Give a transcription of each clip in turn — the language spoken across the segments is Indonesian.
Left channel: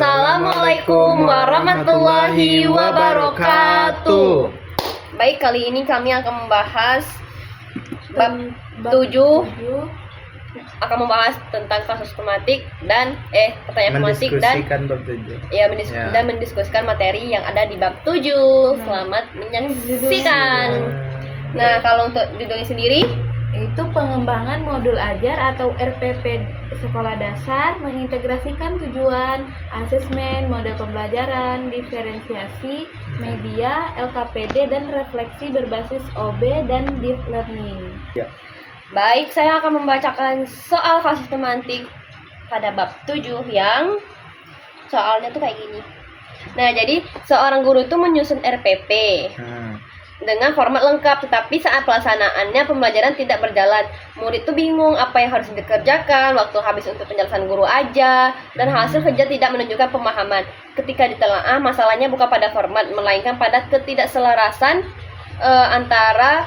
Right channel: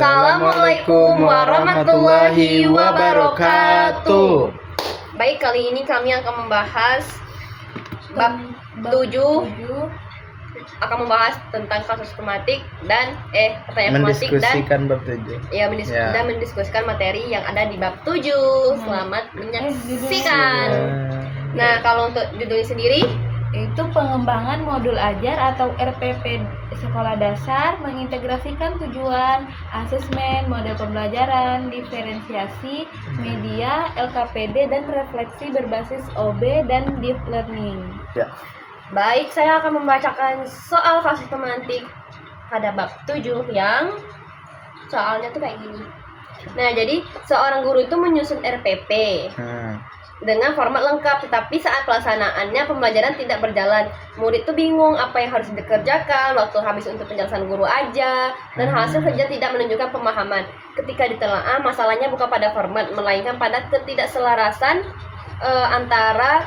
Assalamualaikum warahmatullahi wabarakatuh. Baik, kali ini kami akan membahas bab 7, akan membahas tentang kasus tematik dan pertanyaan tematik dan bab 7. Dan mendiskusikan materi yang ada di bab 7. Selamat menyaksikan. Nah, kalau untuk judulnya sendiri itu pengembangan modul ajar atau RPP sekolah dasar, mengintegrasikan tujuan, asesmen, model pembelajaran, diferensiasi, media, LKPD, dan refleksi berbasis OB dan deep learning. Ya. Baik, saya akan membacakan soal kasus tematik pada bab 7 yang soalnya tuh kayak gini. Nah, jadi seorang guru itu menyusun RPP dengan format lengkap, tetapi saat pelaksanaannya pembelajaran tidak berjalan. Murid tuh bingung apa yang harus dikerjakan, waktu habis untuk penjelasan guru aja, dan hasil kerja tidak menunjukkan pemahaman. Ketika ditelaah, masalahnya bukan pada format, melainkan pada ketidakselarasan antara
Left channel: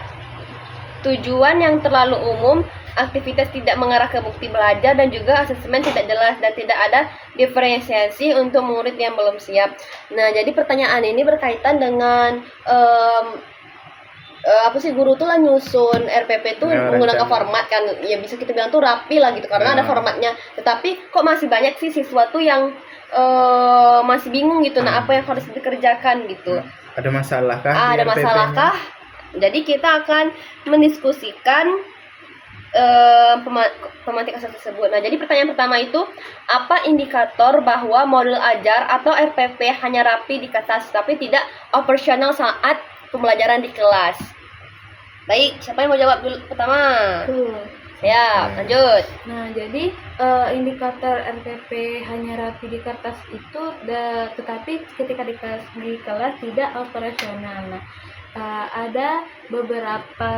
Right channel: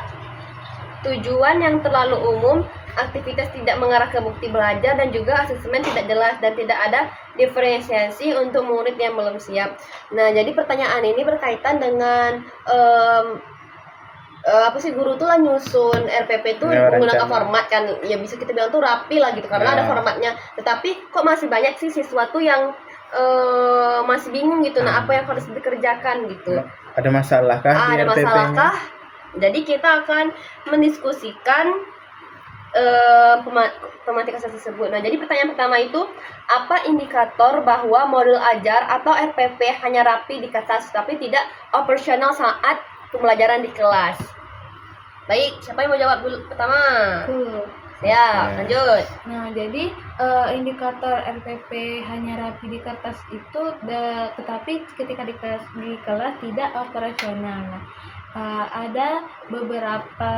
tujuan yang terlalu umum, aktivitas tidak mengarah ke bukti belajar, dan juga asesmen tidak jelas dan tidak ada diferensiasi untuk murid yang belum siap. Nah, jadi pertanyaan ini berkaitan dengan guru tuh lah nyusun RPP tuh menggunakan format kan, ya bisa kita bilang tuh rapi lah gitu karena ada formatnya, tetapi kok masih banyak sih siswa tuh yang masih bingung gitu. Nah, apa yang harus dikerjakan gitu, ada masalah kah di ada RPP-nya? masalah kah? Jadi kita akan mendiskusikan tematik kasus tersebut. Nah, jadi pertanyaan pertama itu, apa indikator bahwa modul ajar atau RPP hanya rapi di kertas tapi tidak operasional saat pembelajaran di kelas? Baik, siapa yang mau jawab dulu pertama? Ya, lanjut. Nah, jadi indikator RPP hanya rapi di kertas itu tetapi ketika di kelas tidak operasional. Nah, ada beberapa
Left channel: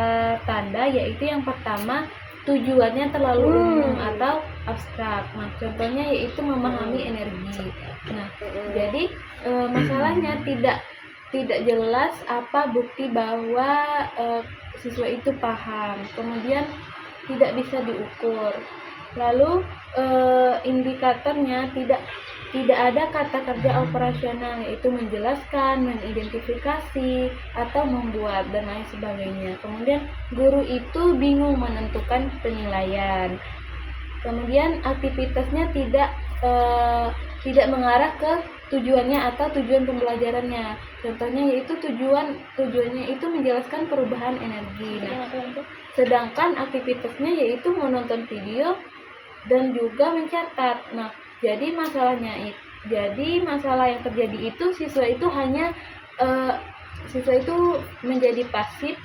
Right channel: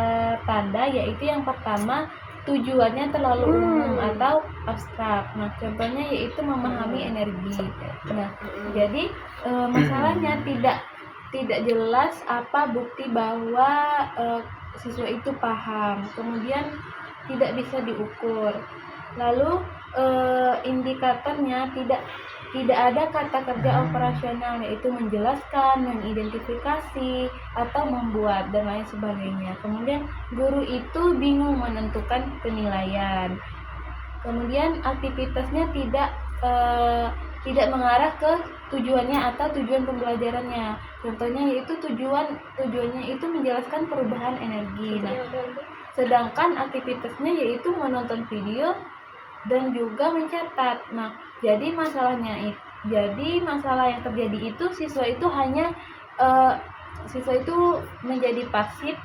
tanda, yaitu yang pertama, tujuannya terlalu umum atau abstrak. Nah, contohnya yaitu memahami energi. Nah, jadi masalahnya tidak jelas apa bukti bahwa siswa itu paham. Kemudian tidak bisa diukur. Lalu indikatornya tidak ada kata kerja operasional, yaitu menjelaskan, mengidentifikasi, atau membuat, dan lain sebagainya. Kemudian guru itu bingung menentukan penilaian. Kemudian aktivitasnya tidak mengarah ke tujuannya atau tujuan pembelajarannya. Contohnya yaitu tujuannya itu menjelaskan perubahan energi. Nah, sedangkan aktivitasnya yaitu menonton video dan juga mencatat. Nah, jadi masalah yang terjadi itu siswa itu menjadi pasif,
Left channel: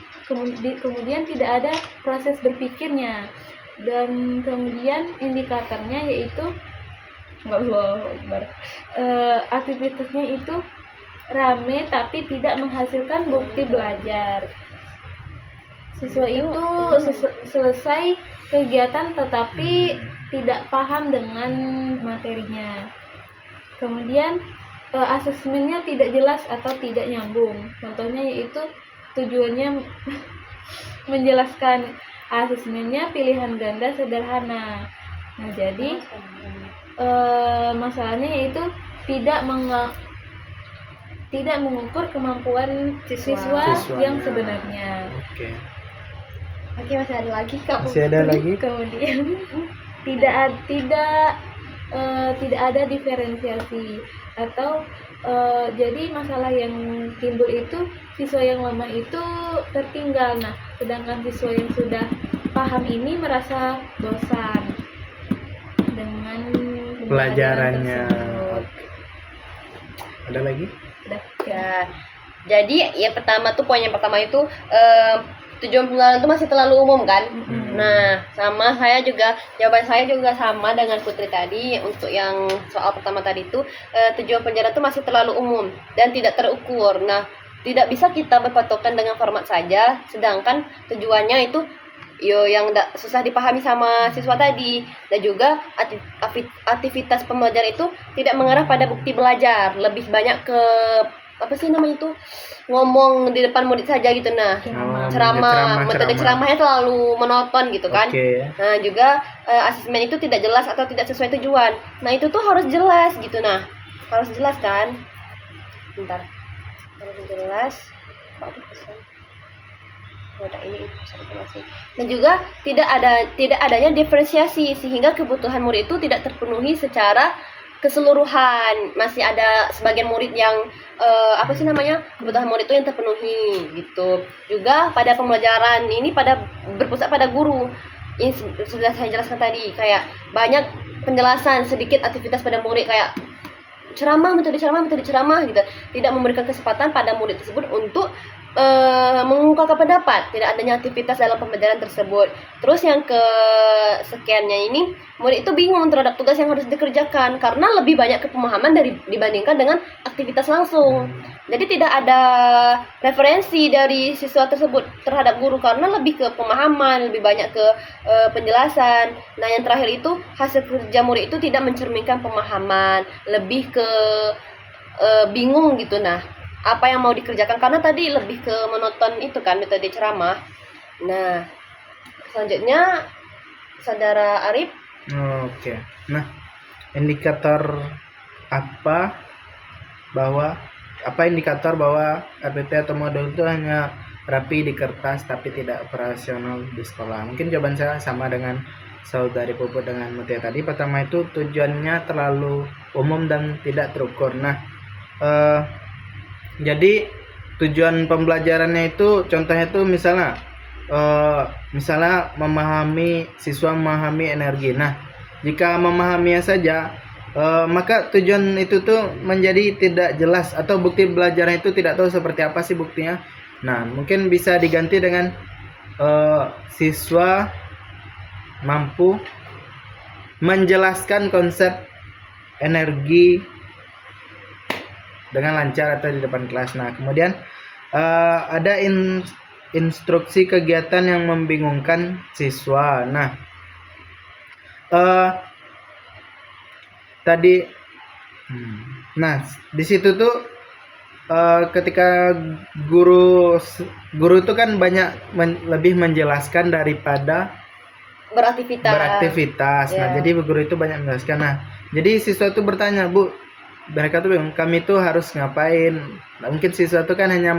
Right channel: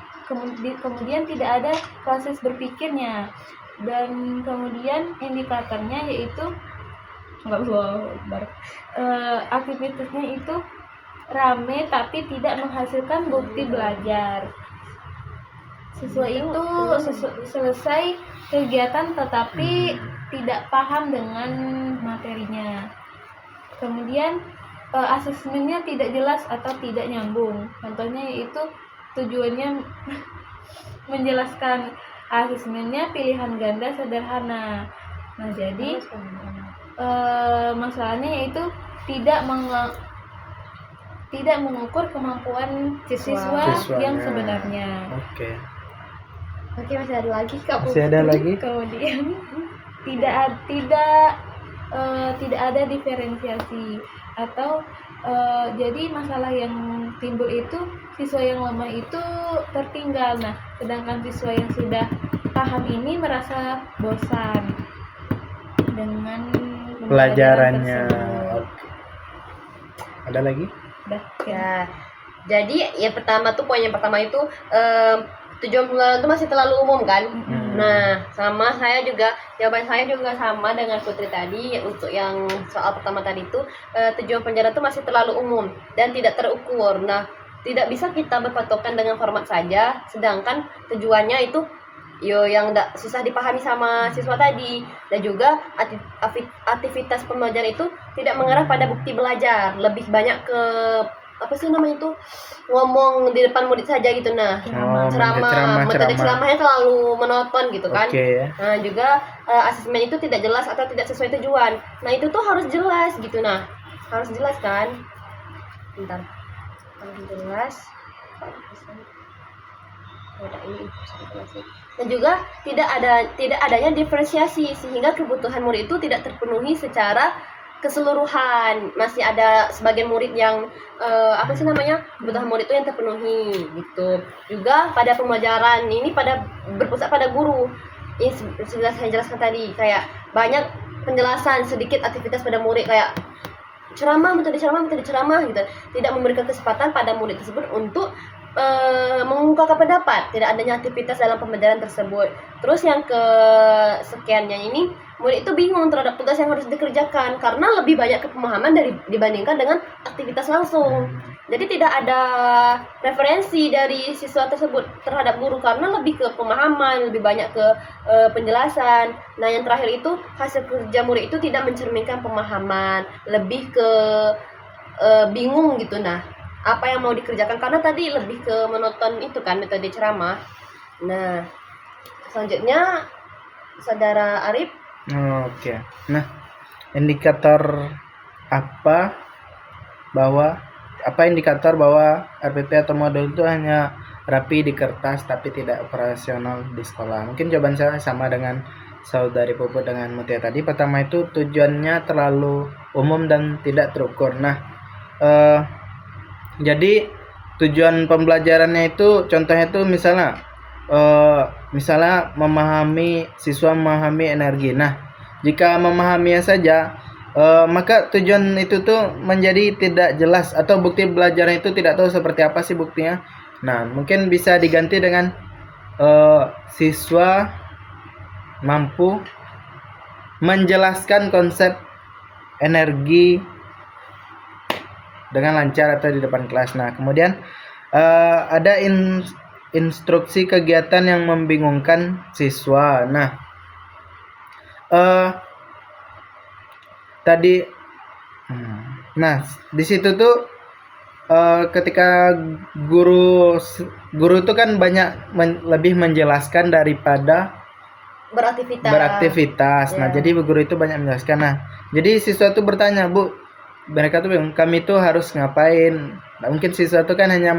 kemudian tidak ada proses berpikirnya, dan kemudian indikatornya yaitu aktivitasnya itu rame tapi tidak menghasilkan bukti belajar. Siswa itu selesai kegiatan tetapi tidak paham dengan materinya. Kemudian asesmennya tidak jelas atau tidak nyambung. Contohnya yaitu tujuannya menjelaskan, asesmennya pilihan ganda sederhana. Nah, jadi masalahnya yaitu tidak mengukur kemampuan siswa yang sebenarnya. Oke, masih ada lagi Kak. Kemudian tidak ada diferensiasi atau jadi masalah yang timbul itu siswa yang lemah itu tertinggal. Nah, sedangkan siswa yang sudah paham ini merasa bosan dengan pelajarannya. tersebut. Ada lagi? Udah. Ya. Jadi ya poin yang pertama itu tujuan pembelajaran itu masih terlalu umum kan. Nah, jawaban saya juga sama dengan Putri tadi. Untuk yang soal pertama tadi itu tujuan pembelajaran itu masih terlalu umum dan tidak terukur. Nah, tidak bisa kita berpatokan dengan format saja, sedangkan tujuannya itu yang susah dipahami sama siswa tadi, dan juga aktivitas pembelajaran itu tidak mengarah pada bukti belajar, lebih banyak ke ngomong di depan murid saja gitu. Nah, ceramah, metode ceramahnya terlalu monoton gitu kan. Nah, juga asesmen itu tidak jelas atau tidak sesuai tujuan. Nah, itu tuh harus jelas gitu. Nah, harus jelas kan. Bentar, harus jelas. Kok ada pesan? Oh, ada ini pesan sih. Dan juga tidak adanya diferensiasi sehingga kebutuhan murid itu tidak terpenuhi secara keseluruhan. Masih ada sebagian murid yang kebutuhan murid itu yang terpenuhi gitu. Juga pada pembelajaran ini berpusat pada guru. Ini sudah saya jelaskan tadi, kayak banyak penjelasan, sedikit aktivitas pada murid, kayak metode ceramah gitu. Tidak memberikan kesempatan pada murid tersebut untuk mengungkapkan pendapat, tidak adanya aktivitas dalam pembelajaran tersebut. Terus yang kesekiannya ini, murid itu bingung terhadap tugas yang harus dikerjakan karena lebih banyak kepemahaman dibandingkan dengan aktivitas langsung. Jadi tidak ada referensi dari siswa tersebut terhadap guru karena lebih ke pemahaman, lebih banyak ke penjelasan. Nah, yang terakhir itu hasil kerja murid itu tidak mencerminkan pemahaman, lebih ke bingung gitu. Nah, apa yang mau dikerjakan karena tadi lebih ke menonton itu kan metode ceramah. Nah, selanjutnya Saudara Arif. Oke. Nah, indikator indikator bahwa RPP atau modul itu hanya rapi di kertas tapi tidak operasional di sekolah? Mungkin jawaban saya sama dengan Saudari Puput dengan Mutia tadi. Pertama itu tujuannya terlalu umum dan tidak terukur. Nah, jadi tujuan pembelajarannya itu contohnya itu misalnya siswa memahami energi. Nah, jika memahaminya saja maka tujuan itu tuh menjadi tidak jelas atau bukti belajarnya itu tidak tahu seperti apa sih buktinya. Nah, mungkin bisa diganti dengan siswa mampu menjelaskan konsep energi dengan lancar atau di depan kelas. Nah, kemudian ada instruksi kegiatan yang membingungkan siswa. Nah, di situ tuh ketika guru itu kan banyak lebih menjelaskan daripada beraktivitas. Nah, jadi guru itu banyak menjelaskan. Nah, jadi siswa itu bertanya, Bu, mereka tuh bingung, kami tuh harus ngapain? Nah, mungkin siswa itu kan hanya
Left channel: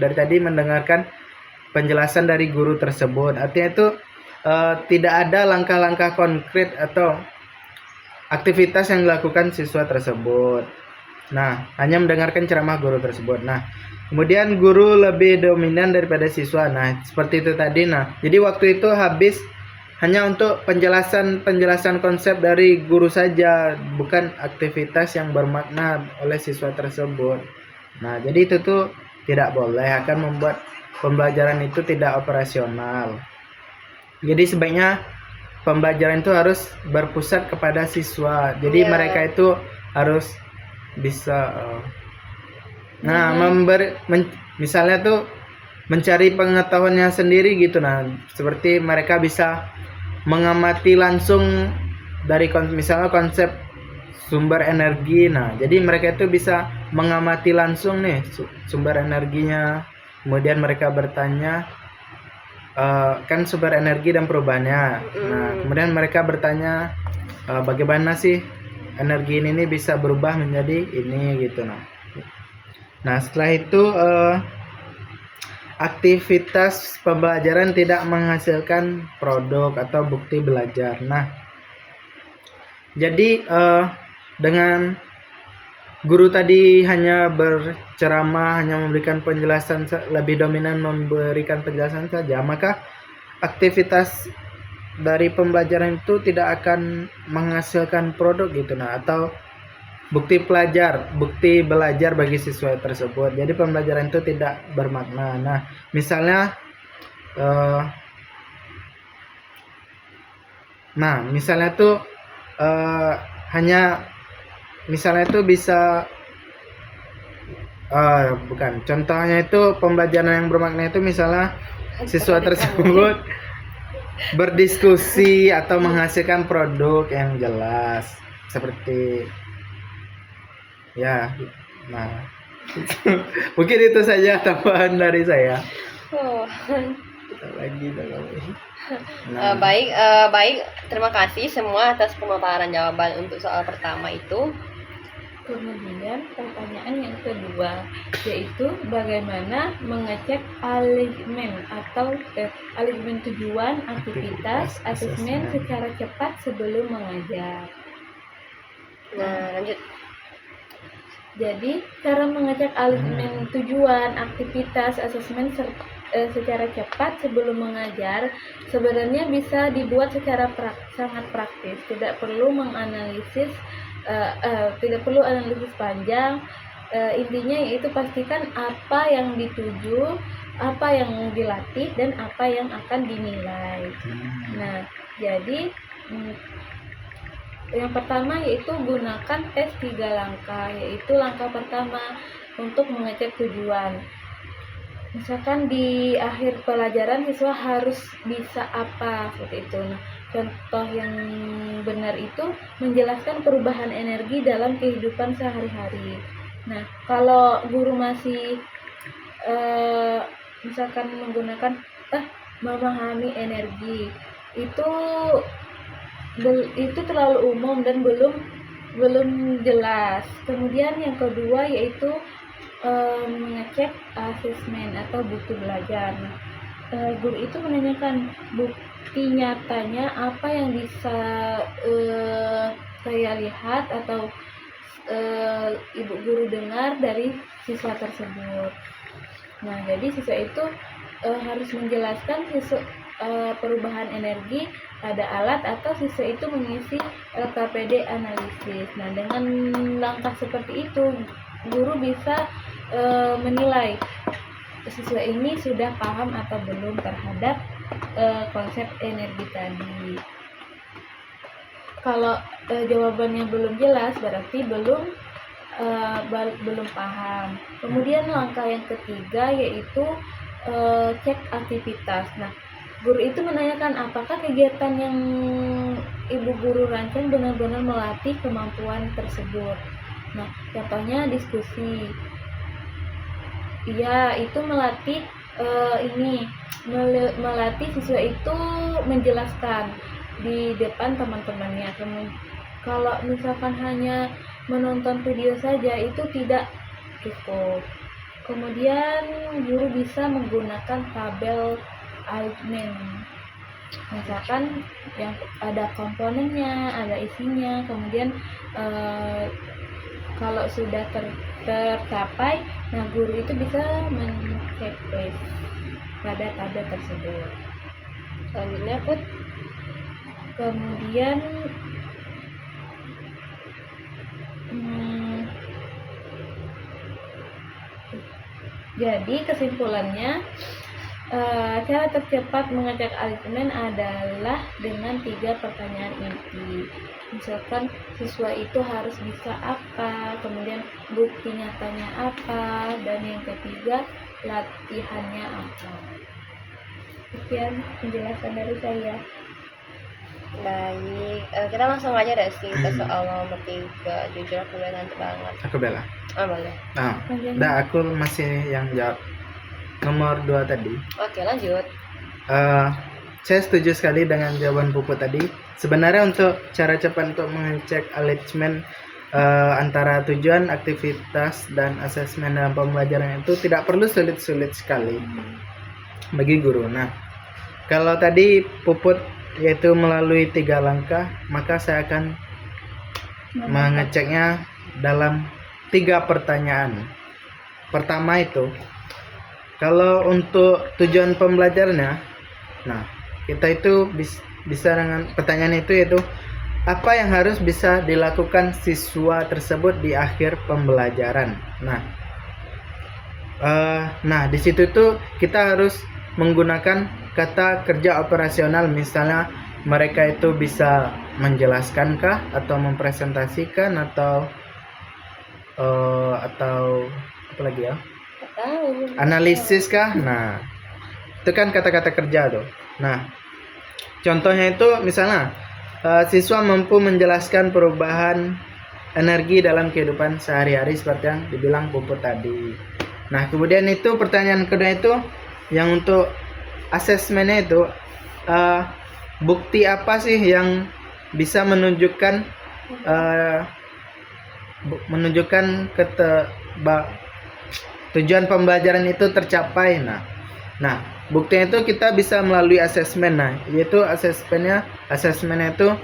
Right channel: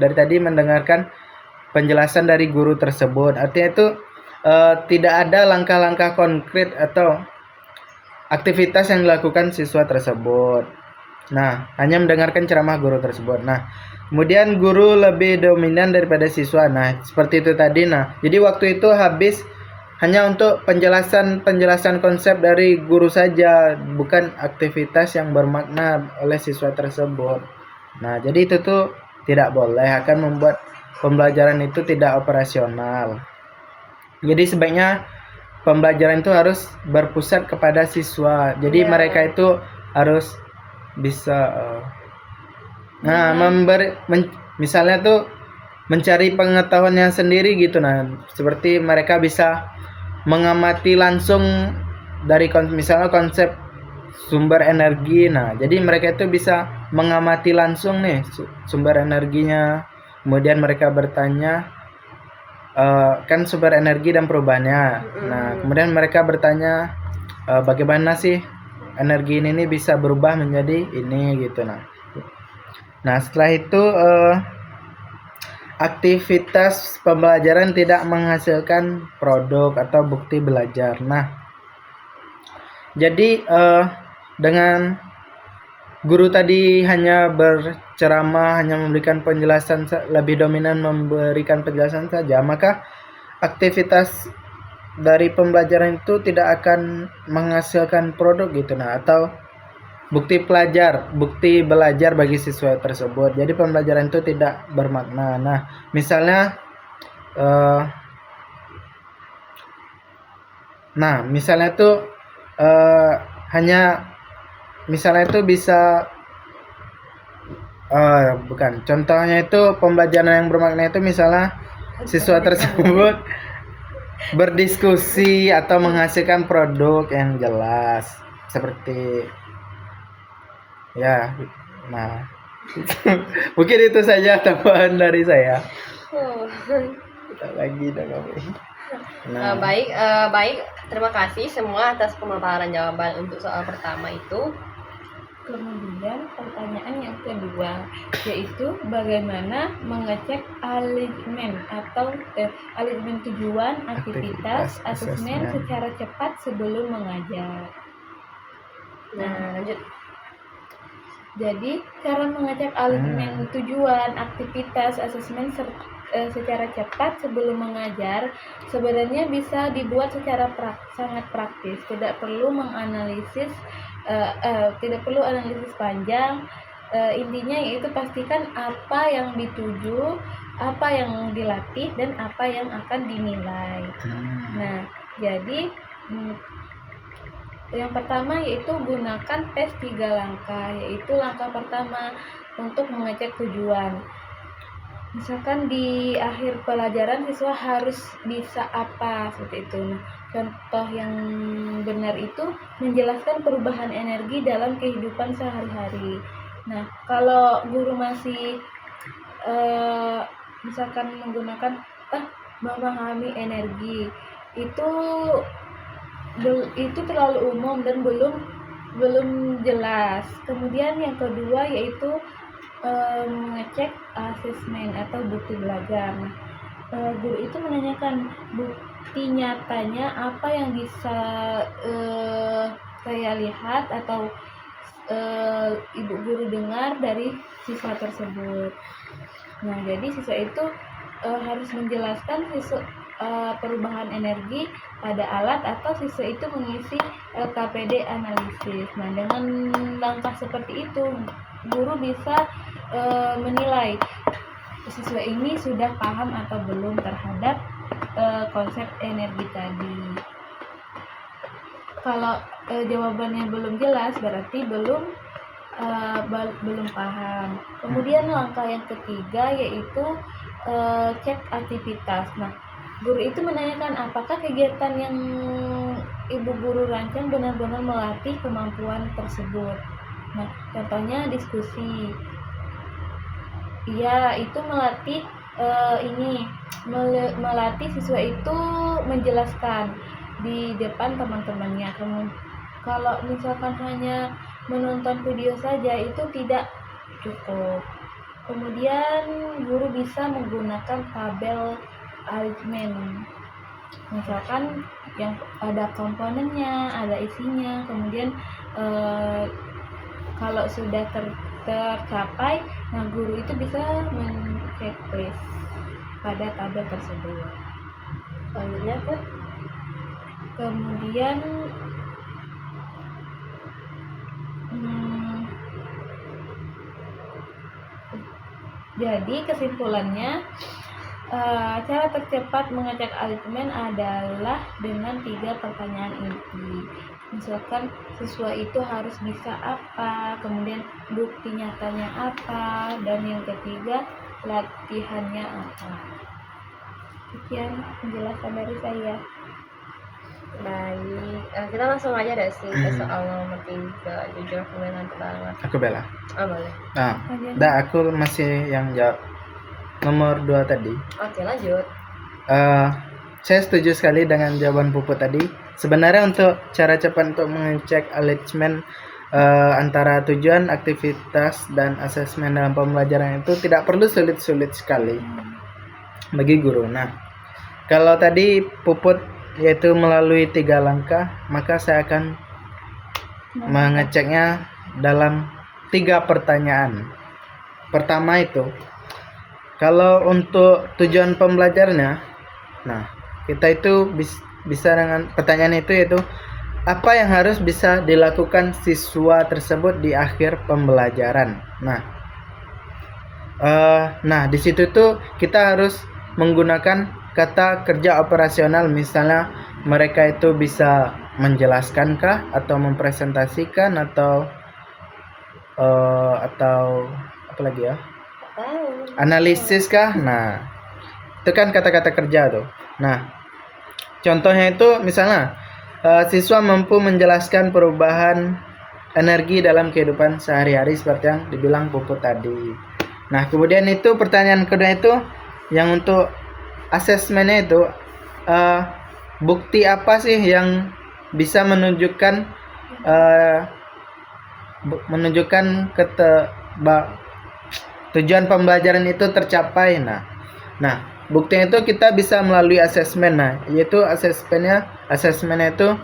dari tadi mendengarkan penjelasan dari guru tersebut. Artinya itu tidak ada langkah-langkah konkret atau aktivitas yang dilakukan siswa tersebut. Nah, hanya mendengarkan ceramah guru tersebut. Nah, kemudian guru lebih dominan daripada siswa. Nah, seperti itu tadi. Nah, jadi waktu itu habis hanya untuk penjelasan konsep dari guru saja, bukan aktivitas yang bermakna oleh siswa tersebut. Nah, jadi itu tuh tidak boleh, akan membuat pembelajaran itu tidak operasional. Jadi sebaiknya pembelajaran itu harus berpusat kepada siswa. Jadi mereka itu harus bisa misalnya tuh mencari pengetahuannya sendiri gitu. Nah, seperti mereka bisa mengamati langsung dari misalnya konsep sumber energi. Nah, jadi mereka itu bisa mengamati langsung nih sumber energinya. Kemudian mereka bertanya kan sumber energi dan perubahannya. Nah, kemudian mereka bertanya bagaimana sih energi ini bisa berubah menjadi ini gitu. Nah, setelah itu aktivitas pembelajaran tidak menghasilkan produk atau bukti belajar. Nah, jadi dengan guru tadi hanya berceramah, hanya memberikan penjelasan, lebih dominan memberikan penjelasan saja, maka aktivitas dari pembelajaran itu tidak akan menghasilkan produk gitu. Nah, atau bukti belajar bagi siswa tersebut. Jadi pembelajaran itu tidak bermakna. Nah, misalnya itu bisa contohnya itu pembelajaran yang bermakna itu misalnya siswa tersebut berdiskusi atau menghasilkan produk yang jelas seperti mungkin itu saja tambahan dari saya. Kita lagi Baik, terima kasih semua atas pemaparan jawaban untuk soal pertama itu. Kemudian pertanyaan yang kedua yaitu bagaimana mengecek alignment atau alignment tujuan aktivitas asesmen secara cepat sebelum mengajar. Nah, lanjut. Jadi, cara mengecek alignment tujuan aktivitas asesmen secara cepat sebelum mengajar sebenarnya bisa dibuat secara sangat praktis. Tidak perlu menganalisis, tidak perlu analisis panjang. Intinya yaitu pastikan apa yang dituju, apa yang dilatih, dan apa yang akan dinilai. Nah, jadi yang pertama yaitu gunakan tes 3 langkah, yaitu langkah pertama untuk mengecek tujuan. Misalkan di akhir pelajaran siswa harus bisa apa seperti itu. Nah, contoh yang benar itu menjelaskan perubahan energi dalam kehidupan sehari-hari. Nah, kalau guru masih misalkan menggunakan memahami energi itu terlalu umum dan belum jelas. Kemudian yang kedua yaitu mengecek asesmen atau bukti belajar. Nah, guru itu menanyakan bukti nyatanya apa yang bisa saya lihat atau ibu guru dengar dari siswa tersebut. Nah, jadi siswa itu harus menjelaskan perubahan energi pada alat atau siswa itu mengisi LKPD analisis. Nah, dengan langkah seperti itu guru bisa menilai siswa ini sudah paham atau belum terhadap konsep energi tadi. Kalau jawabannya belum jelas berarti belum paham. Kemudian langkah yang ketiga yaitu cek aktivitas. Nah, guru itu menanyakan apakah kegiatan yang ibu guru rancang benar-benar melatih kemampuan tersebut. Nah, contohnya diskusi. Iya, itu melatih melatih siswa itu menjelaskan di depan teman-temannya. Kalau misalkan hanya menonton video saja itu tidak cukup. Kemudian guru bisa menggunakan tabel alignment. Misalkan yang ada komponennya, ada isinya, kemudian kalau sudah tercapai, nah guru itu bisa men-checklist pada tabel tersebut. Selanjutnya, Put. Kemudian jadi kesimpulannya cara tercepat mengecek alignment adalah dengan 3 pertanyaan inti. Misalkan siswa itu harus bisa apa, kemudian bukti nyatanya apa, dan yang ketiga latihannya apa. Sekian penjelasan dari saya. Baik, kita langsung aja deh sih ke soal nomor 3. Jujur aku udah ngantuk banget. Aku bela. Oh, boleh. Nah, aku masih yang jawab nomor 2 tadi. Oke, lanjut. Saya setuju sekali dengan jawaban Puput tadi. Sebenarnya untuk cara cepat untuk mengecek alignment antara tujuan, aktivitas, dan asesmen dalam pembelajaran itu tidak perlu sulit-sulit sekali bagi guru. Nah, kalau tadi Puput yaitu melalui 3 langkah, maka saya akan mengeceknya dalam 3 pertanyaan. Pertama itu, kalau untuk tujuan pembelajarannya, nah kita itu bisa dengan pertanyaan itu yaitu apa yang harus bisa dilakukan siswa tersebut di akhir pembelajaran. Nah di situ tuh kita harus menggunakan kata kerja operasional, misalnya mereka itu bisa menjelaskankah atau mempresentasikan atau apa lagi ya? Analisis kah? Nah, itu kan kata-kata kerja tuh. Nah, contohnya itu misalnya siswa mampu menjelaskan perubahan energi dalam kehidupan sehari-hari seperti yang dibilang Puput tadi. Nah, kemudian itu pertanyaan kedua itu yang untuk asesmennya itu bukti apa sih yang bisa menunjukkan menunjukkan tujuan pembelajaran itu tercapai. Nah, buktinya itu kita bisa melalui asesmen. Nah, yaitu asesmennya itu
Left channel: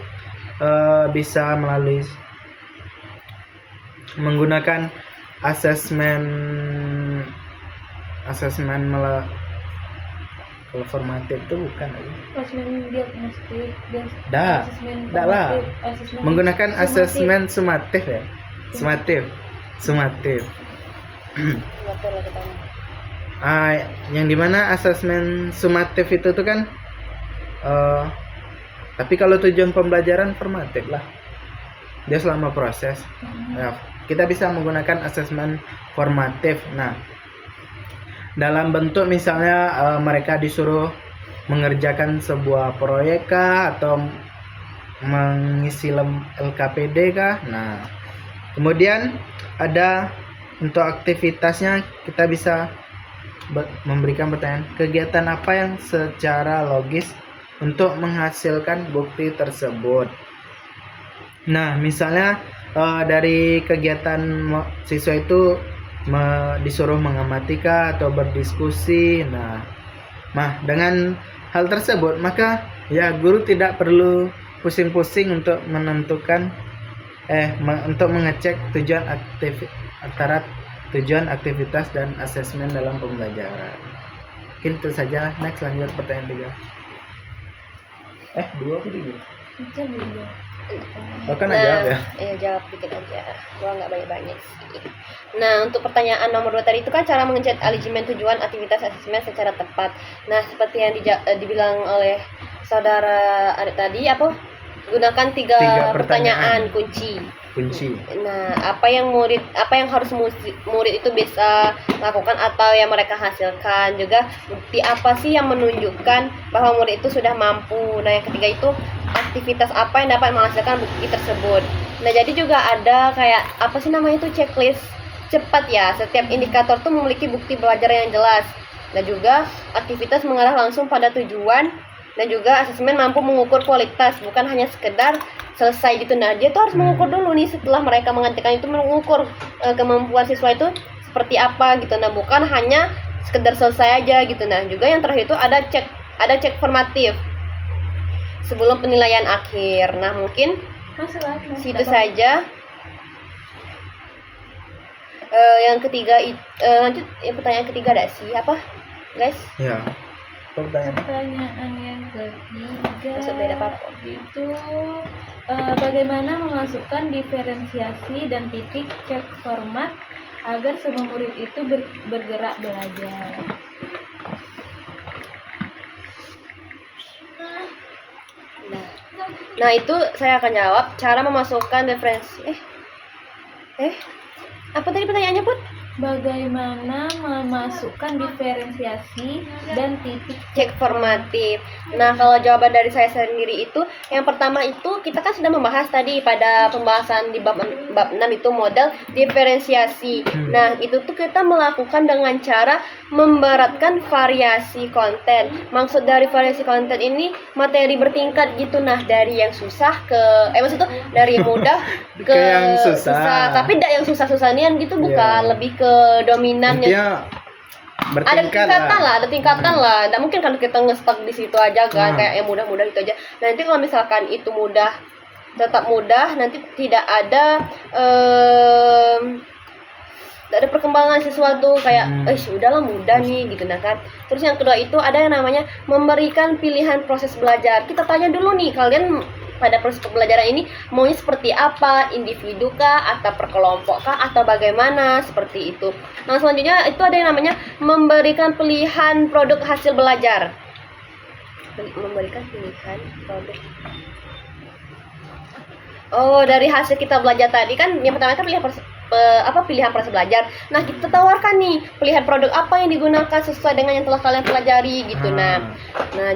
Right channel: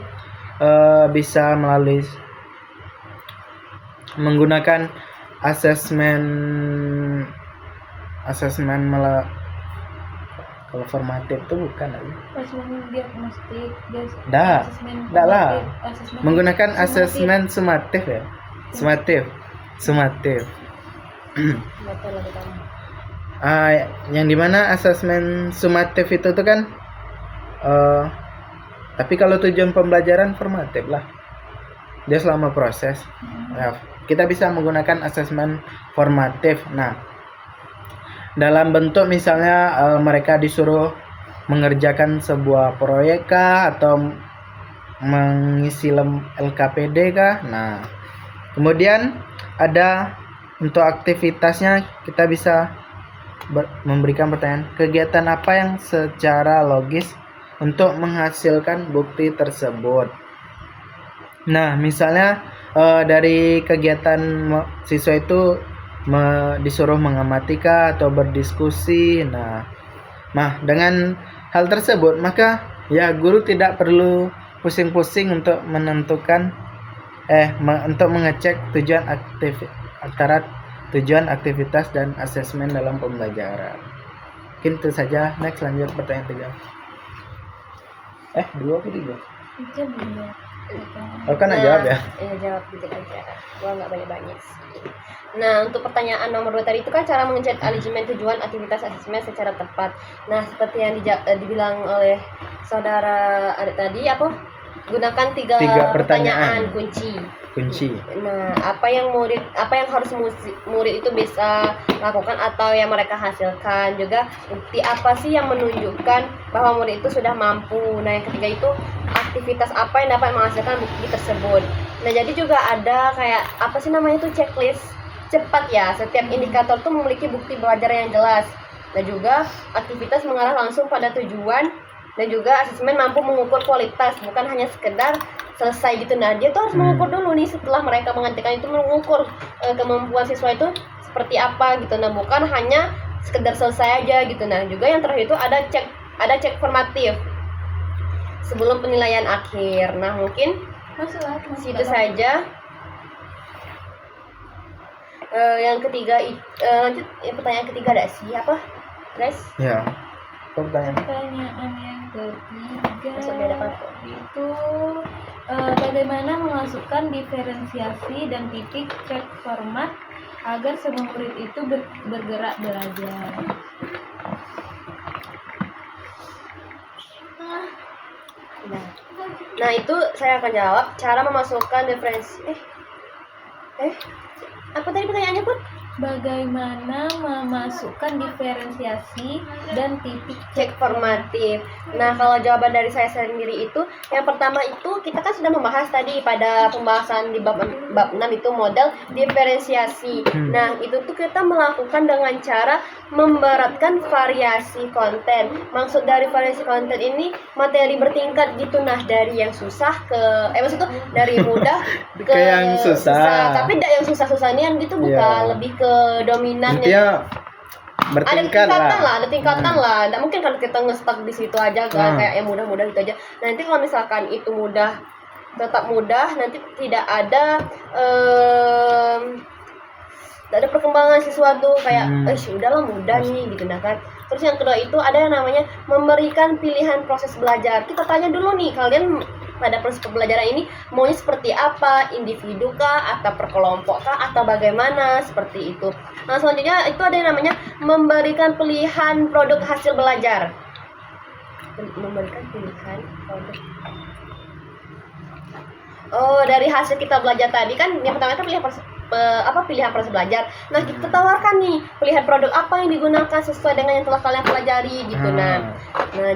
bisa melalui menggunakan asesmen kalau formatif itu bukan lagi. Asesmen diagnostik, asesmen Dah lah. formatif, asesmen Menggunakan sumatif. asesmen sumatif ya. Sumatif. Betul lah kita. Yang dimana asesmen sumatif itu tuh kan tapi kalau tujuan pembelajaran formatif lah, dia selama proses. Ya, kita bisa menggunakan asesmen formatif. Nah, dalam bentuk misalnya mereka disuruh mengerjakan sebuah proyek kah, atau mengisi LKPD kah. Nah, kemudian ada untuk aktivitasnya kita bisa memberikan pertanyaan, kegiatan apa yang secara logis untuk menghasilkan bukti tersebut. Nah, misalnya dari kegiatan siswa itu disuruh mengamati kah atau berdiskusi. Nah, dengan hal tersebut maka ya guru tidak perlu pusing-pusing untuk menentukan untuk mengecek antara tujuan aktivitas dan asesmen dalam pembelajaran. Mungkin itu saja. Next, lanjut pertanyaan 3. 2 apa 3? Itu dulu. Oh, kan jawab ya? Iya, jawab dikit aja. Gua nggak banyak-banyak sih. Nah, untuk pertanyaan nomor 2 tadi itu kan cara mengecek alignment tujuan aktivitas asesmen secara tepat. Nah, seperti yang dibilang oleh saudara Adik tadi, gunakan tiga pertanyaan kunci. Nah, apa yang harus murid itu bisa lakukan atau yang mereka hasilkan, juga bukti apa sih yang menunjukkan bahwa murid itu sudah mampu. Nah, yang ketiga itu aktivitas apa yang dapat menghasilkan bukti tersebut. Nah, jadi juga ada kayak checklist cepat ya. Setiap indikator tuh memiliki bukti belajar yang jelas. Dan juga aktivitas mengarah langsung pada tujuan, dan juga asesmen mampu mengukur kualitas, bukan hanya sekedar selesai gitu. Nah, dia tuh harus mengukur dulu nih, setelah mereka menghentikan itu mengukur kemampuan siswa itu seperti apa gitu. Nah, bukan hanya sekedar selesai aja gitu. Nah, juga yang terakhir itu ada cek formatif sebelum penilaian akhir. Nah, mungkin situ saja. Yang ketiga lanjut pertanyaan ketiga ada siapa guys? Ya. Pertanyaan yang ketiga Maksud beda apa? itu bagaimana memasukkan diferensiasi dan titik cek format agar semua murid itu bergerak belajar. Nah, itu saya akan jawab cara memasukkan diferensi. Apa tadi pertanyaannya, Put? Bagaimana memasukkan diferensiasi dan titik Cek formatif. Nah, kalau jawaban dari saya sendiri itu, yang pertama itu kita kan sudah membahas tadi pada pembahasan di bab 6 itu model diferensiasi. Nah, itu tuh kita melakukan dengan cara memberatkan variasi konten. Maksud dari variasi konten ini materi bertingkat gitu. Nah, dari yang susah maksudnya dari mudah ke yang susah. Tapi tidak yang susah-susahnya gitu, bukan, lebih ke dominan ya. Ada tingkatan lah. Nggak mungkin kalau kita nge-stuck di situ aja kan, kayak yang mudah-mudah gitu aja. Nanti kalau misalkan itu mudah, tetap mudah, nanti tidak ada perkembangan sesuatu kayak udahlah mudah nih gitu. Nah kan. Terus yang kedua itu ada yang namanya memberikan pilihan proses belajar. Kita tanya dulu nih, kalian pada proses pembelajaran ini maunya seperti apa, individu kah atau per kelompok kah atau bagaimana, seperti itu. Nah, selanjutnya itu ada yang namanya memberikan pilihan produk hasil belajar. Memberikan pilihan produk. Dari hasil kita belajar tadi kan, yang pertama itu pilihan proses belajar. Nah, kita tawarkan nih pilihan produk apa yang digunakan sesuai dengan yang telah kalian pelajari gitu. Nah,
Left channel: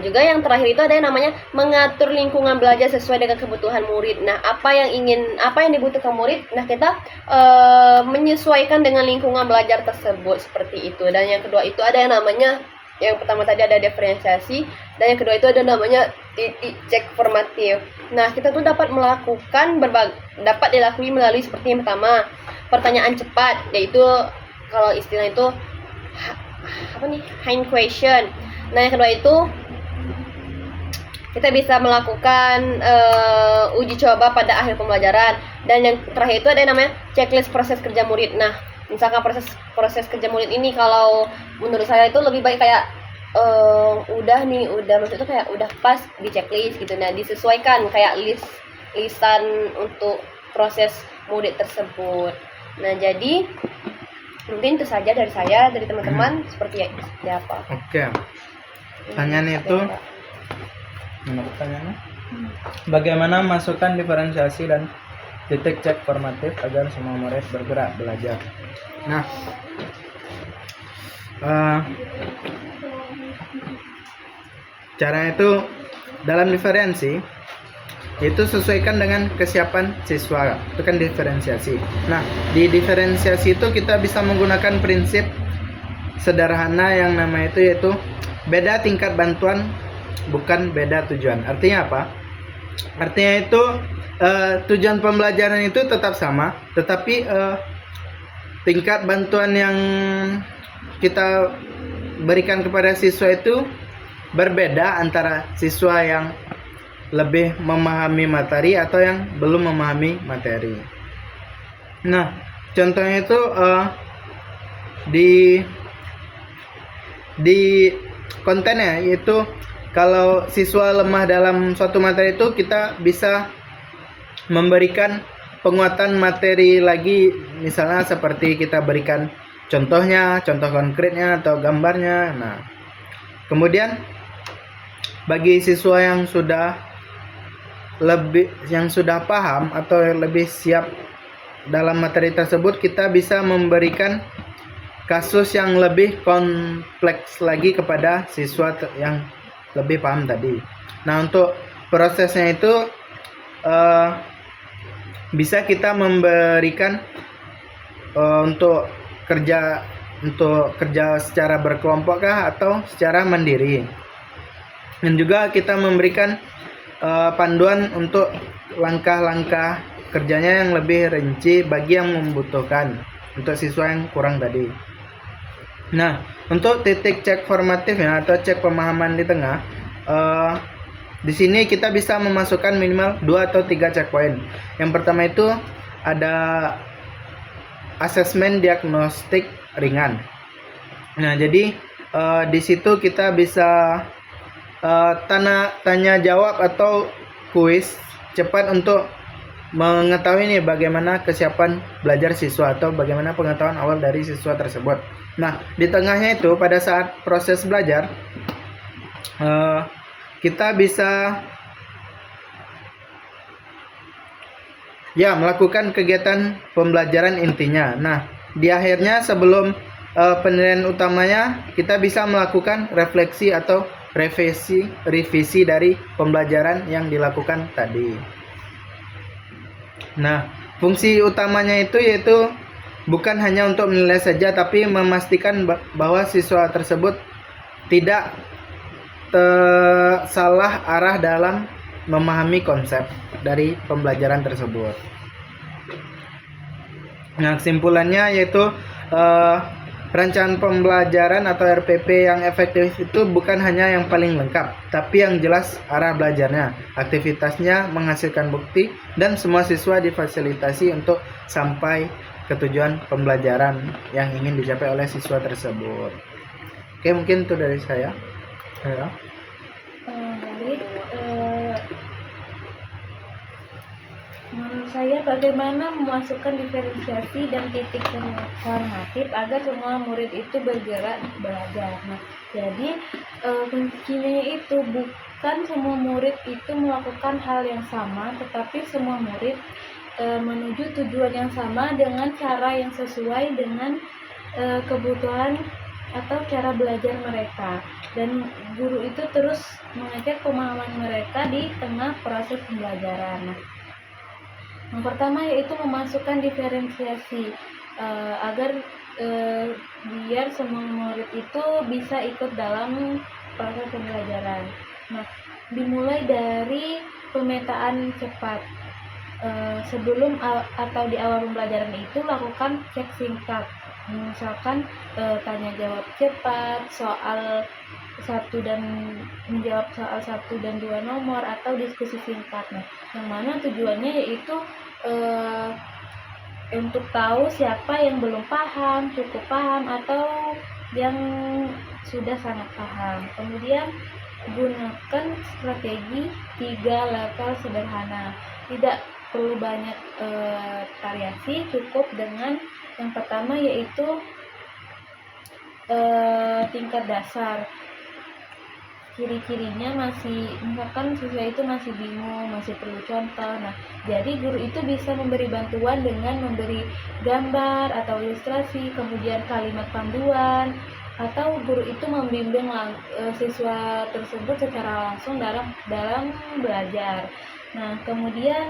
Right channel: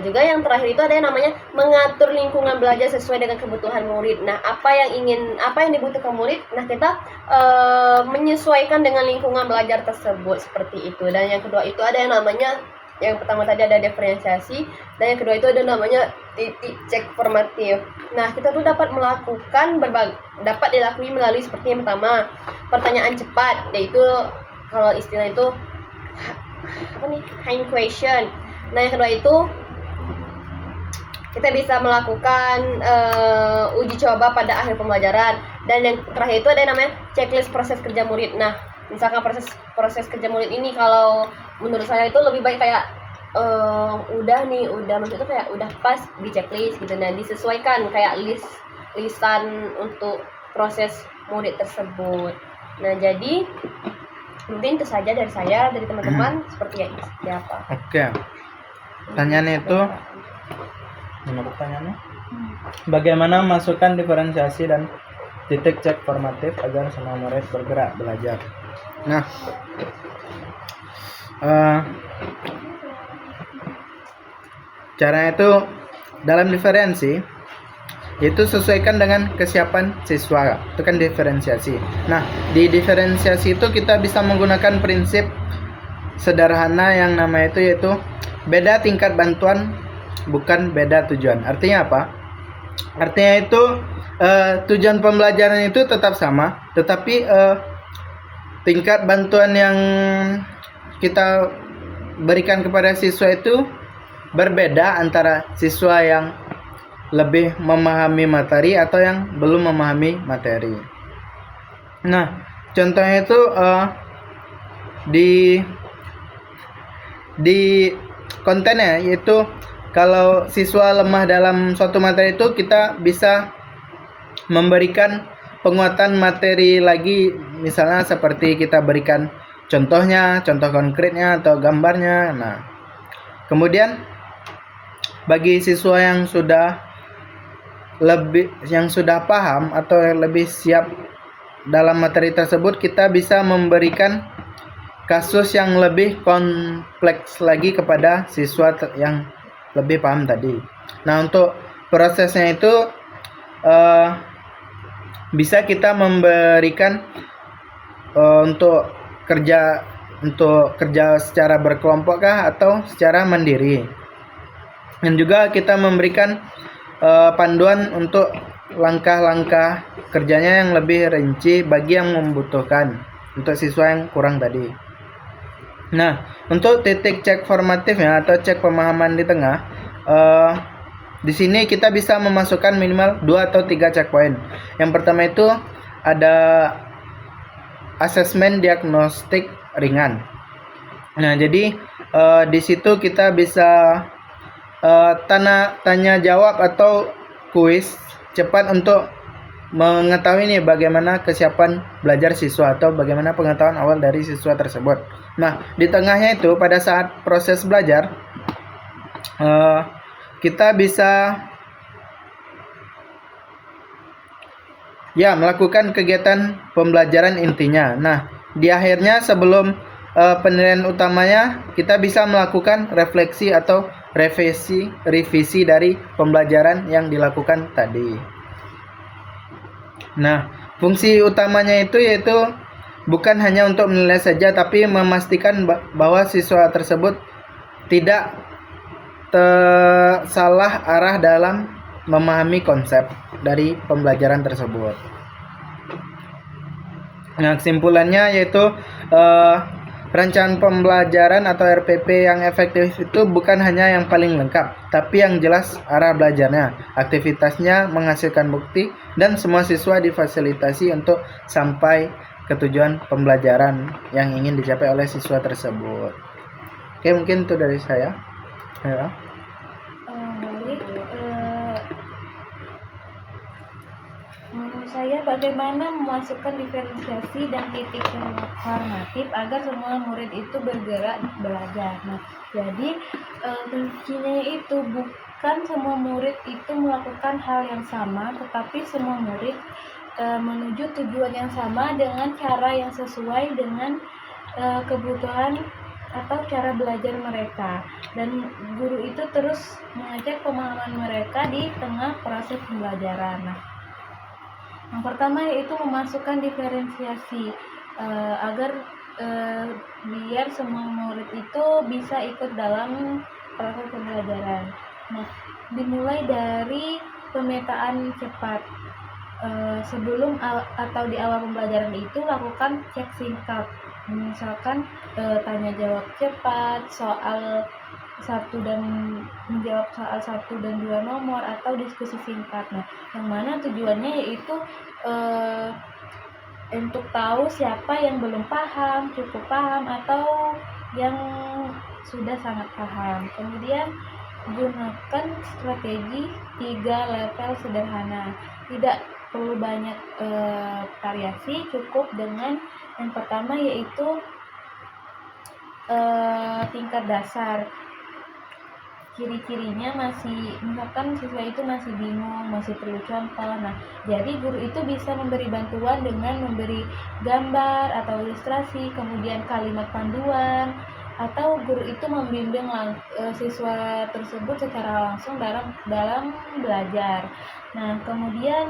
juga yang terakhir itu ada yang namanya mengatur lingkungan belajar sesuai dengan kebutuhan murid. Nah, apa yang dibutuhkan murid, nah kita menyesuaikan dengan lingkungan belajar tersebut, seperti itu. Dan yang kedua itu ada yang namanya Yang pertama tadi ada diferensiasi, dan yang kedua itu ada namanya titik cek formatif. Nah, kita tuh dapat dapat dilakukan melalui seperti yang pertama, pertanyaan cepat, yaitu kalau istilah itu apa nih, hand question. Nah, yang kedua itu kita bisa melakukan uji coba pada akhir pembelajaran, dan yang terakhir itu ada yang namanya checklist proses kerja murid. Nah, misalkan proses kerja murid ini kalau menurut saya itu lebih baik kayak udah maksudnya kayak udah pas di checklist gitu. Nah, disesuaikan kayak listan untuk proses murid tersebut. Nah, jadi mungkin itu saja dari saya, dari teman-teman seperti apa. Oke. Pertanyaannya itu, mana pertanyaannya? Bagaimana masukkan diferensiasi dan titik cek formatif agar semua murid bergerak belajar? Nah, caranya itu dalam diferensi yaitu sesuaikan dengan kesiapan siswa, itu kan diferensiasi. Nah, di diferensiasi itu kita bisa menggunakan prinsip sederhana yang namanya itu yaitu beda tingkat bantuan bukan beda tujuan. Artinya apa? Artinya itu tujuan pembelajaran itu tetap sama, tetapi tingkat bantuan yang kita berikan kepada siswa itu berbeda antara siswa yang lebih memahami materi atau yang belum memahami materi. Nah, contohnya itu di kontennya, yaitu kalau siswa lemah dalam suatu materi itu kita bisa memberikan penguatan materi lagi, misalnya seperti kita berikan contohnya, contoh konkretnya atau gambarnya. Nah, kemudian bagi siswa yang sudah paham atau lebih siap dalam materi tersebut, kita bisa memberikan kasus yang lebih kompleks lagi kepada siswa yang lebih paham tadi. Nah, untuk prosesnya itu bisa kita memberikan untuk kerja secara berkelompok kah atau secara mandiri. Dan juga kita memberikan panduan untuk langkah-langkah kerjanya yang lebih rinci bagi yang membutuhkan, untuk siswa yang kurang tadi. Nah, untuk titik cek formatifnya atau cek pemahaman di tengah, di sini kita bisa memasukkan minimal 2 atau 3 checkpoint. Yang pertama itu ada asesmen diagnostik ringan. Nah, jadi di situ kita bisa tanya jawab atau kuis cepat untuk mengetahui nih bagaimana kesiapan belajar siswa atau bagaimana pengetahuan awal dari siswa tersebut. Nah, di tengahnya itu pada saat proses belajar kita bisa melakukan kegiatan pembelajaran intinya. Nah, di akhirnya sebelum penilaian utamanya kita bisa melakukan refleksi atau revisi dari pembelajaran yang dilakukan tadi. Nah, fungsi utamanya itu yaitu bukan hanya untuk menilai saja, tapi memastikan bahwa siswa tersebut tidak salah arah dalam memahami konsep dari pembelajaran tersebut. Nah, kesimpulannya yaitu perencanaan pembelajaran atau RPP yang efektif itu bukan hanya yang paling lengkap, tapi yang jelas arah belajarnya, aktivitasnya menghasilkan bukti, dan semua siswa difasilitasi untuk sampai ke tujuan pembelajaran yang ingin dicapai oleh siswa tersebut. Oke, mungkin itu dari saya. Ya. Baik. Menurut saya bagaimana memasukkan diferensiasi dan titik formatif agar semua murid itu bergerak belajar. Nah, jadi kuncinya itu bukan semua murid itu melakukan hal yang sama, tetapi semua murid menuju tujuan yang sama dengan cara yang sesuai dengan kebutuhan atau cara belajar mereka, dan guru itu terus mengecek pemahaman mereka di tengah proses pembelajaran. Nah, yang pertama yaitu memasukkan diferensiasi. agar biar semua murid itu bisa ikut dalam proses pembelajaran. Nah, dimulai dari pemetaan cepat. Sebelum atau di awal pembelajaran itu lakukan cek singkat, misalkan tanya jawab cepat, soal satu dan menjawab soal 1 dan 2 nomor, atau diskusi singkat. Nah, yang mana tujuannya yaitu untuk tahu siapa yang belum paham, cukup paham, atau yang sudah sangat paham. Kemudian gunakan strategi 3 level sederhana. Tidak perlu banyak variasi, cukup dengan yang pertama yaitu tingkat dasar. Ciri-cirinya masih, misalkan siswa itu masih bingung, masih perlu contoh. Nah, jadi guru itu bisa memberi bantuan dengan memberi gambar atau ilustrasi, kemudian kalimat panduan, atau guru itu membimbing siswa tersebut secara langsung dalam belajar. Nah, kemudian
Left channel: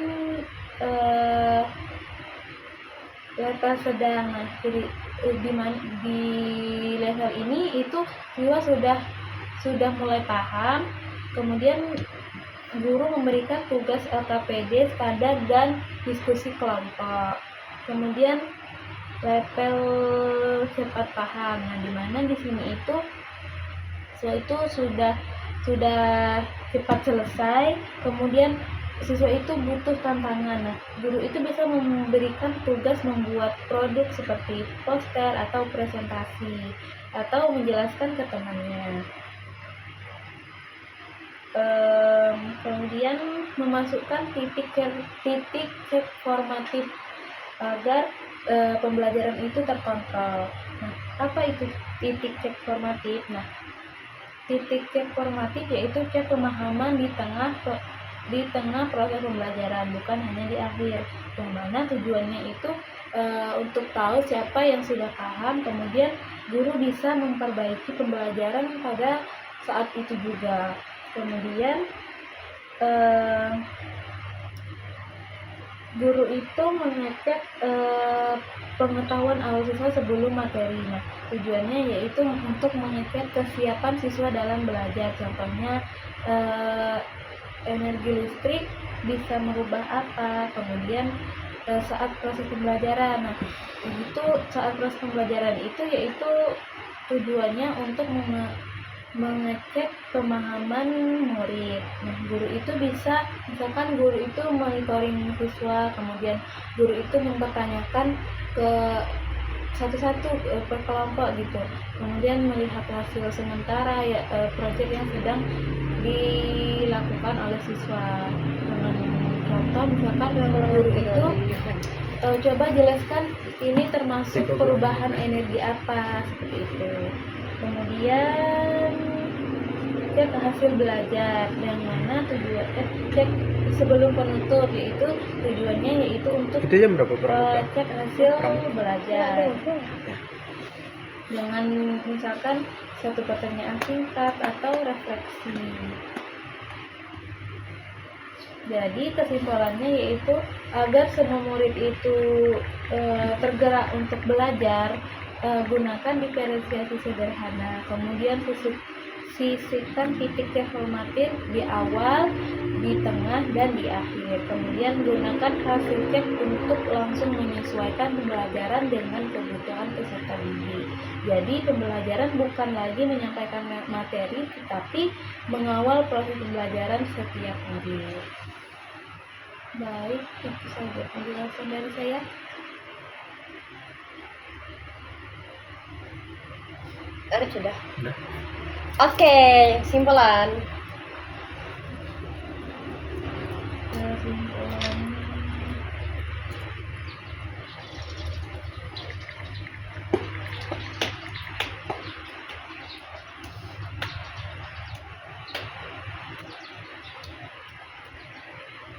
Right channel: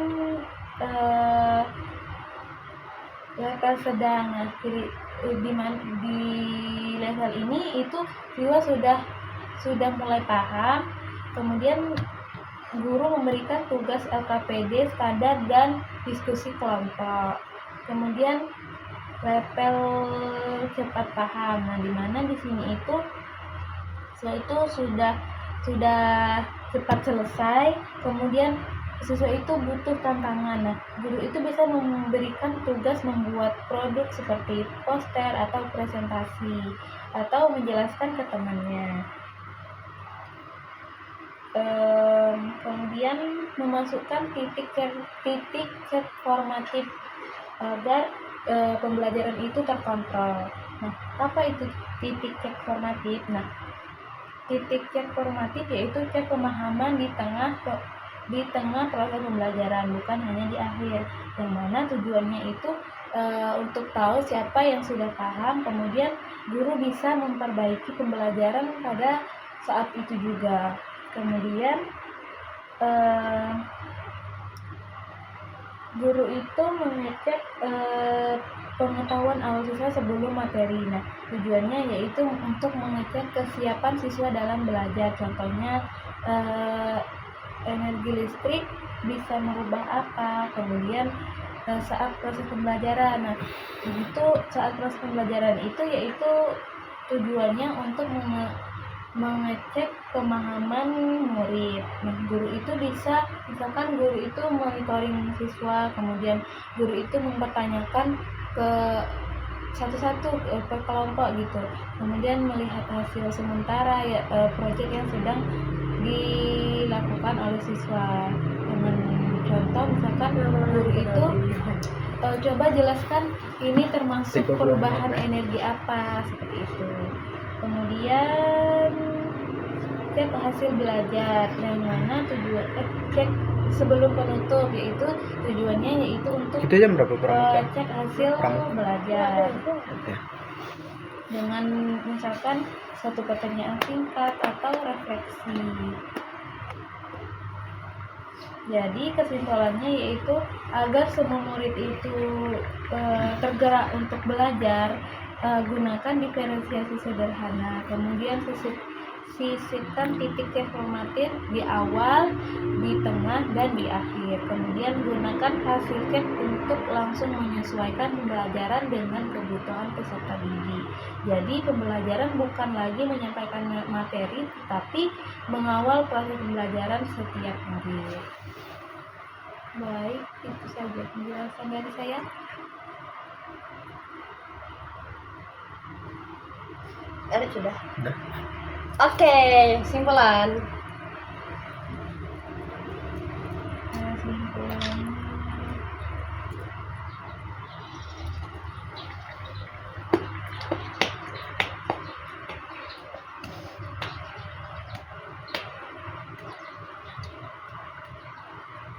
level sedang. Nah, jadi di level ini itu siswa sudah mulai paham, kemudian guru memberikan tugas LKPD standar dan diskusi kelompok. Kemudian level cepat paham. Nah, di mana di sini itu siswa itu sudah cepat selesai, kemudian siswa itu butuh tantangan. Nah, guru itu bisa memberikan tugas membuat produk seperti poster atau presentasi, atau menjelaskan ke temannya. Kemudian memasukkan titik cek formatif agar pembelajaran itu terkontrol. Nah, apa itu titik cek formatif? Nah, titik cek formatif yaitu cek pemahaman di tengah proses pembelajaran, bukan hanya di akhir. Yang mana tujuannya itu untuk tahu siapa yang sudah paham, kemudian guru bisa memperbaiki pembelajaran pada saat itu juga. Kemudian guru itu mengecek pengetahuan awal siswa sebelum materi. Nah, tujuannya yaitu untuk mengecek kesiapan siswa dalam belajar. Contohnya energi listrik bisa merubah apa, kemudian saat proses pembelajaran. Nah, itu saat proses pembelajaran itu yaitu tujuannya untuk mengecek pemahaman murid. Nah, guru itu bisa, misalkan guru itu monitoring siswa, kemudian guru itu mempertanyakan ke satu-satu per kelompok gitu, kemudian melihat hasil sementara proyek yang sedang dilakukan oleh siswa. Dengan contoh, misalkan guru itu coba jelaskan ini termasuk perubahan energi apa, seperti itu. Kemudian cek hasil belajar, yang mana tujuan cek sebelum penutup, yaitu tujuannya yaitu untuk Itu jam berapa? cek hasil belajar dengan misalkan suatu pertanyaan singkat atau refleksi. Jadi kesimpulannya yaitu agar semua murid itu tergerak untuk belajar, gunakan diferensiasi sederhana, kemudian sisipkan titik cek formatif di awal, di tengah, dan di akhir. Kemudian gunakan hasil cek untuk langsung menyesuaikan pembelajaran dengan kebutuhan peserta didik. Jadi pembelajaran bukan lagi menyampaikan materi, tetapi mengawal proses pembelajaran setiap murid. Baik, itu saja penjelasan dari saya. Sudah. Udah. Oke, simpulan. Kesimpulannya,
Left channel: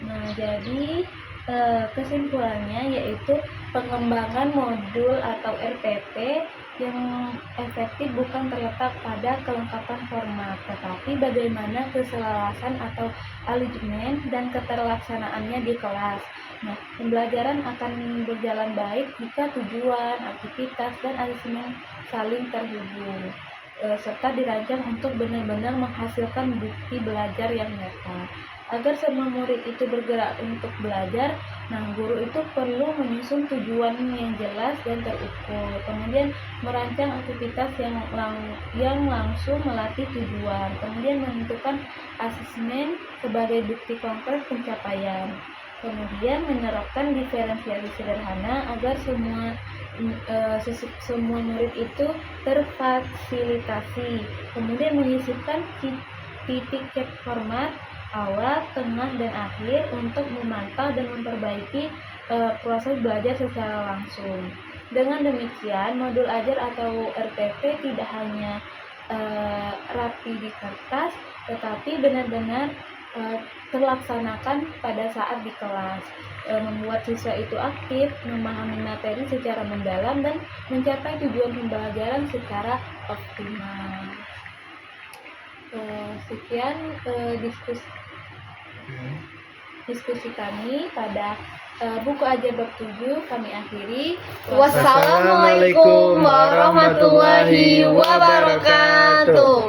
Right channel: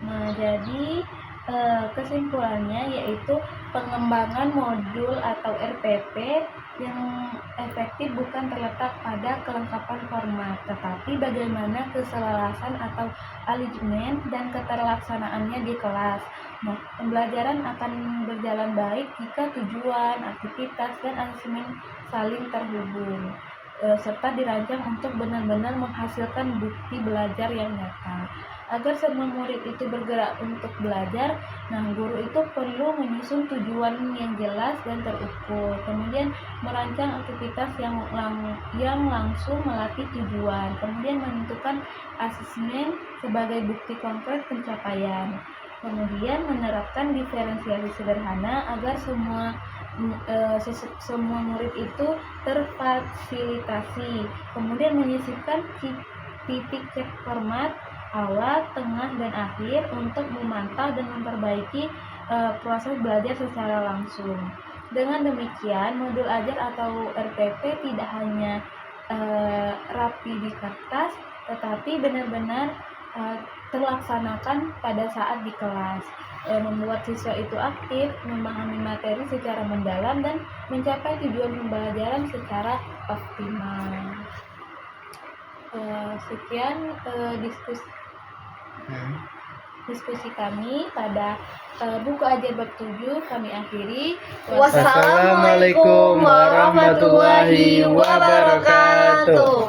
nah, jadi kesimpulannya yaitu pengembangan modul atau RPP yang efektif bukan terletak pada kelengkapan format, tetapi bagaimana keselarasan atau alignment dan keterlaksanaannya di kelas. Nah, pembelajaran akan berjalan baik jika tujuan, aktivitas, dan asesmen saling terhubung, serta dirancang untuk benar-benar menghasilkan bukti belajar yang nyata. Agar semua murid itu bergerak untuk belajar, nah guru itu perlu menyusun tujuan yang jelas dan terukur, kemudian merancang aktivitas yang langsung melatih tujuan, kemudian menentukan asesmen sebagai bukti konkret pencapaian. Kemudian menerapkan diferensiasi sederhana agar semua murid itu terfasilitasi. Kemudian menyisipkan titik cek format awal, tengah, dan akhir untuk memantau dan memperbaiki proses belajar secara langsung. Dengan demikian, modul ajar atau RPP tidak hanya rapi di kertas, tetapi benar-benar terlaksanakan pada saat di kelas, membuat siswa itu aktif, memahami materi secara mendalam, dan mencapai tujuan pembelajaran secara optimal. Sekian diskusi kami pada buku ajar bab 7 kami akhiri. Wassalamualaikum warahmatullahi wabarakatuh.